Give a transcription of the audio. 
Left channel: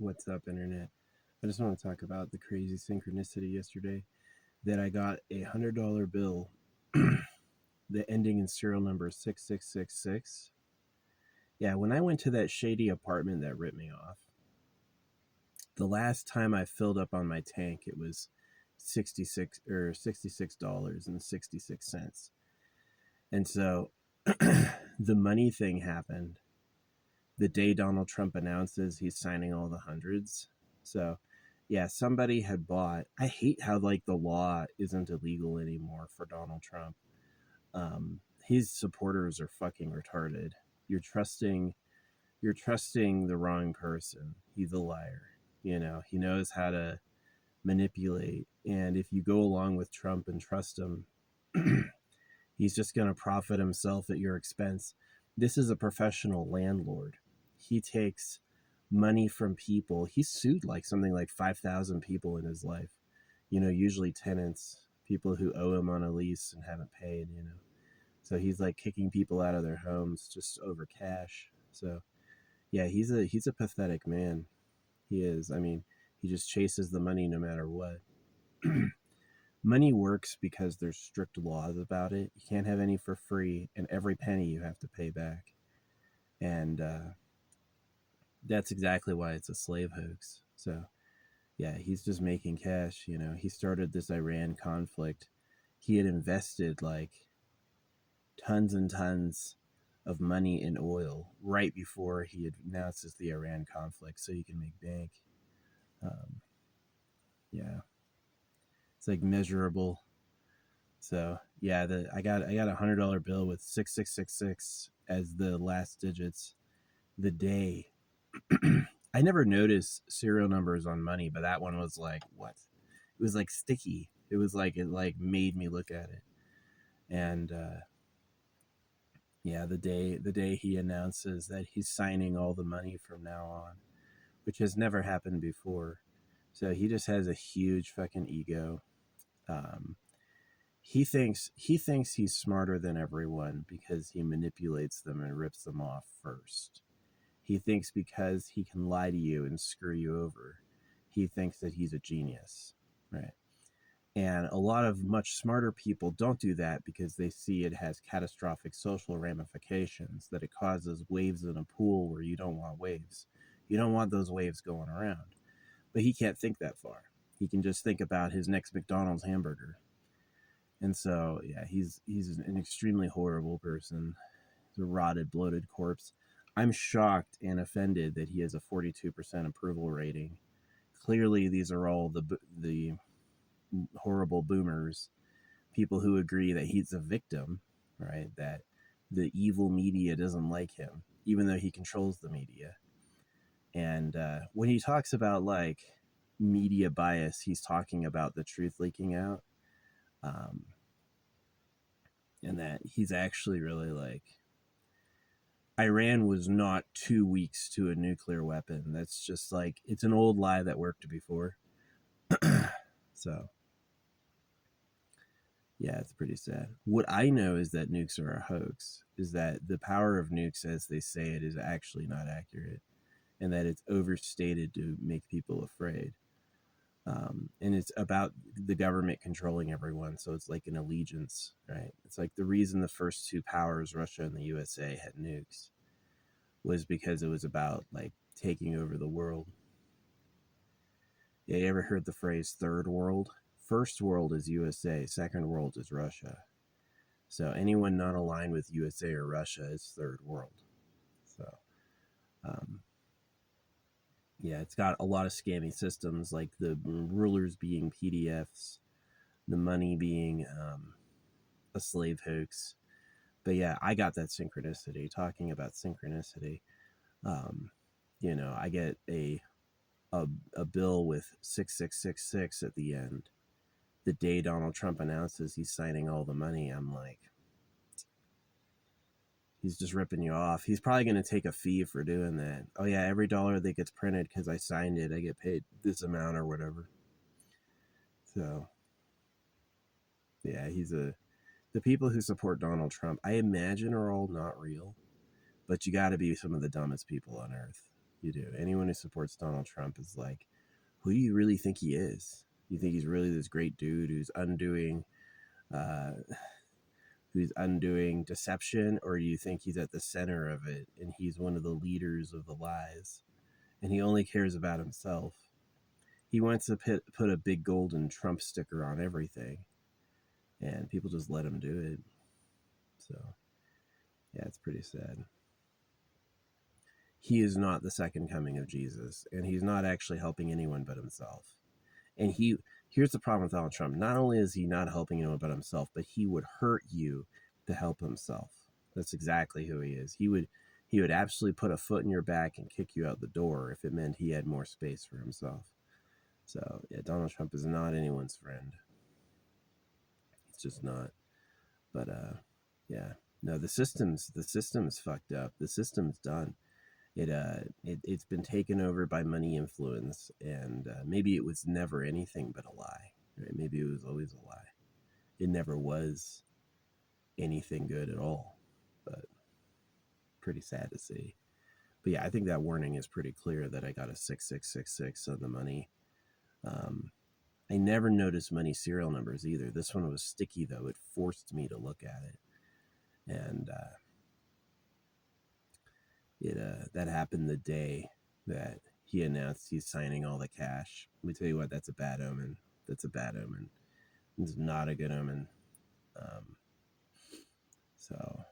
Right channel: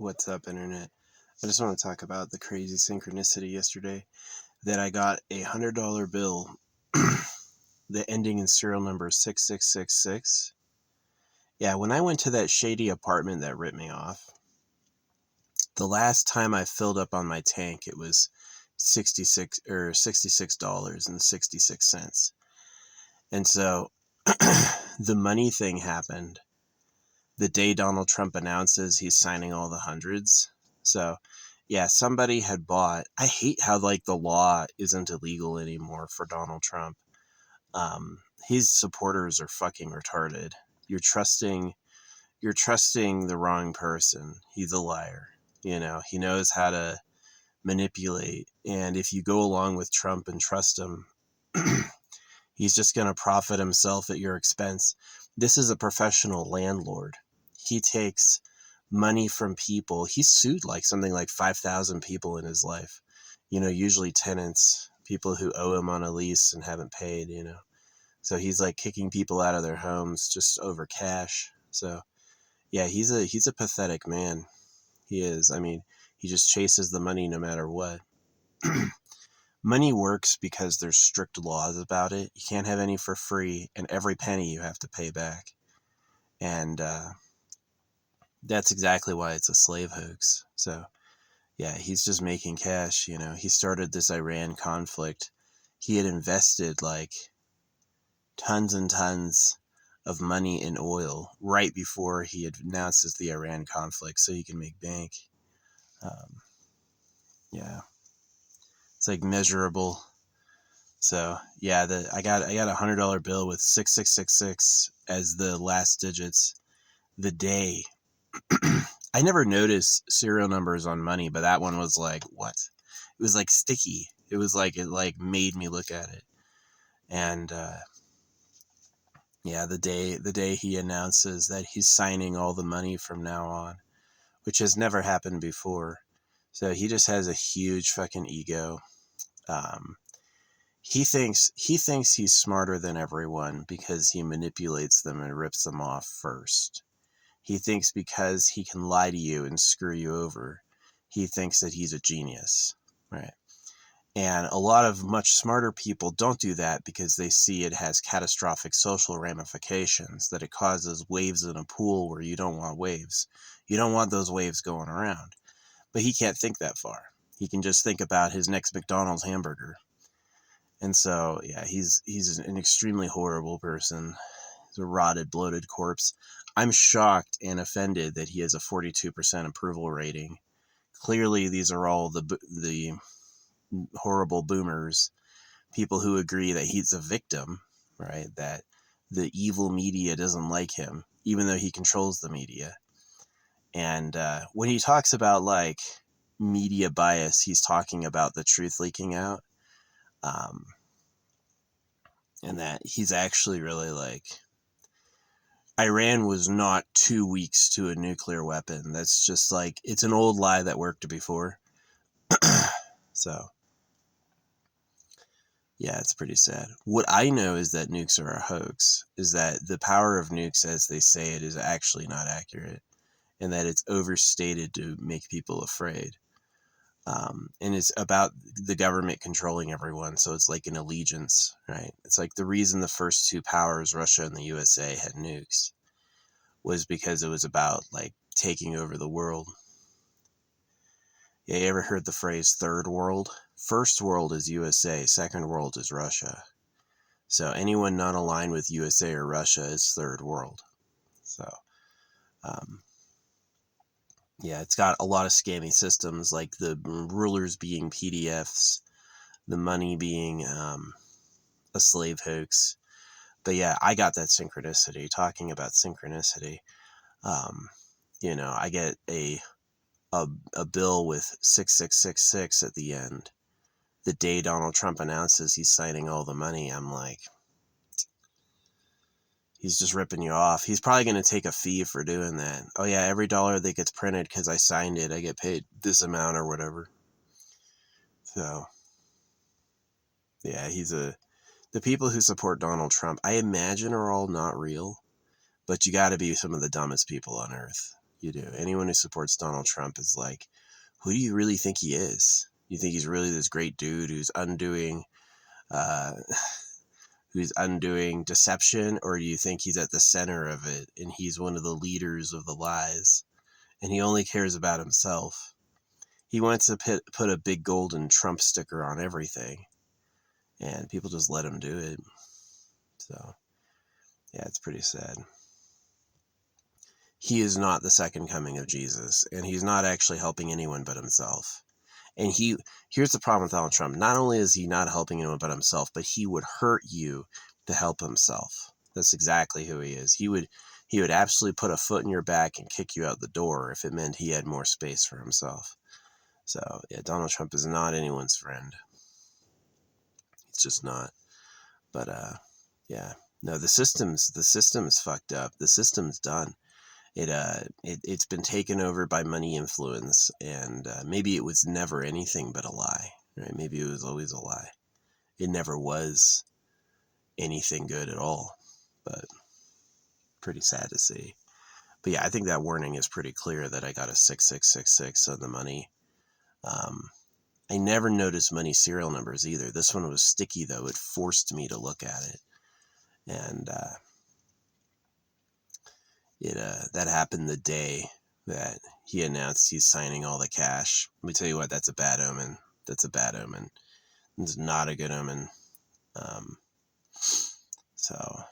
What's up, Internet? I just want to talk about the crazy synchronicity yesterday that I got a $100 bill, the ending in serial number 6666. Yeah, when I went to that shady apartment that ripped me off, the last time I filled up on my tank, it was $66.66. And so the money thing happened the day Donald Trump announces he's signing all the hundreds. So, yeah, somebody had bought. I hate how the law isn't illegal anymore for Donald Trump. His supporters are fucking retarded. You're trusting the wrong person. He's a liar. He knows how to manipulate. And if you go along with Trump and trust him, he's just going to profit himself at your expense. This is a professional landlord. He takes money from people. He's sued something like 5,000 people in his life. Usually tenants, people who owe him on a lease and haven't paid, So he's kicking people out of their homes just over cash. So yeah, he's a pathetic man. He is. I mean, he just chases the money no matter what. Money works because there's strict laws about it. You can't have any for free, and every penny you have to pay back. And that's exactly why it's a slave hoax. So, yeah, he's just making cash. He started this Iran conflict. He had invested tons and tons of money in oil right before he had announces the Iran conflict so he can make bank. Yeah, it's measurable. So yeah, I got a $100 bill with 6666 as the last digits. The day I never noticed serial numbers on money, but that one was what? It was sticky. It was it made me look at it. And yeah, the day he announces that he's signing all the money from now on, which has never happened before. So he just has a huge fucking ego. He thinks he's smarter than everyone because he manipulates them and rips them off first. He thinks because he can lie to you and screw you over, he thinks that he's a genius, right? And a lot of much smarter people don't do that because they see it has catastrophic social ramifications, that it causes waves in a pool where you don't want waves. You don't want those waves going around. But he can't think that far. He can just think about his next McDonald's hamburger. And so, yeah, he's an extremely horrible person. He's a rotted, bloated corpse. I'm shocked and offended that he has a 42% approval rating. Clearly, these are all the horrible boomers, people who agree that he's a victim, right? That the evil media doesn't like him, even though he controls the media. And when he talks about media bias, he's talking about the truth leaking out. And that he's actually really Iran was not 2 weeks to a nuclear weapon. That's just it's an old lie that worked before. So, yeah, it's pretty sad. What I know is that nukes are a hoax, is that the power of nukes, as they say it, is actually not accurate, and that it's overstated to make people afraid. And it's about the government controlling everyone, so it's like an allegiance, right? It's the reason the first two powers, Russia and the USA, had nukes was because it was about taking over the world. Yeah, you ever heard the phrase third world? First world is USA, second world is Russia. So anyone not aligned with USA or Russia is third world. So, yeah, it's got a lot of scammy systems, like the rulers being PDFs, the money being a slave hoax. But yeah, I got that synchronicity. Talking about synchronicity, I get a bill with 6666 at the end. The day Donald Trump announces he's signing all the money, I'm he's just ripping you off. He's probably going to take a fee for doing that. Oh yeah, every dollar that gets printed because I signed it, I get paid this amount or whatever. So, yeah, the people who support Donald Trump, I imagine, are all not real, but you got to be some of the dumbest people on earth You do. Anyone who supports Donald Trump is like, who do you really think he is? You think he's really this great dude uh, who's undoing deception, or do you think he's at the center of it and he's one of the leaders of the lies and he only cares about himself? He wants to put a big golden Trump sticker on everything, and people just let him do it. So, yeah, it's pretty sad. He is not the second coming of Jesus, and he's not actually helping anyone but himself. And here's the problem with Donald Trump. Not only is he not helping anyone but himself, but he would hurt you to help himself. That's exactly who he is. He would absolutely put a foot in your back and kick you out the door if it meant he had more space for himself. So, yeah, Donald Trump is not anyone's friend. It's just not. But yeah. No, the system's fucked up. The system's done. It's been taken over by money influence, and maybe it was never anything but a lie, right? Maybe it was always a lie. It never was anything good at all, but pretty sad to see. But yeah, I think that warning is pretty clear that I got a 6666 on the money. I never noticed money serial numbers either. This one was sticky though. It forced me to look at it, and that happened the day that he announced he's signing all the cash. Let me tell you what, that's a bad omen. That's a bad omen. It's not a good omen. So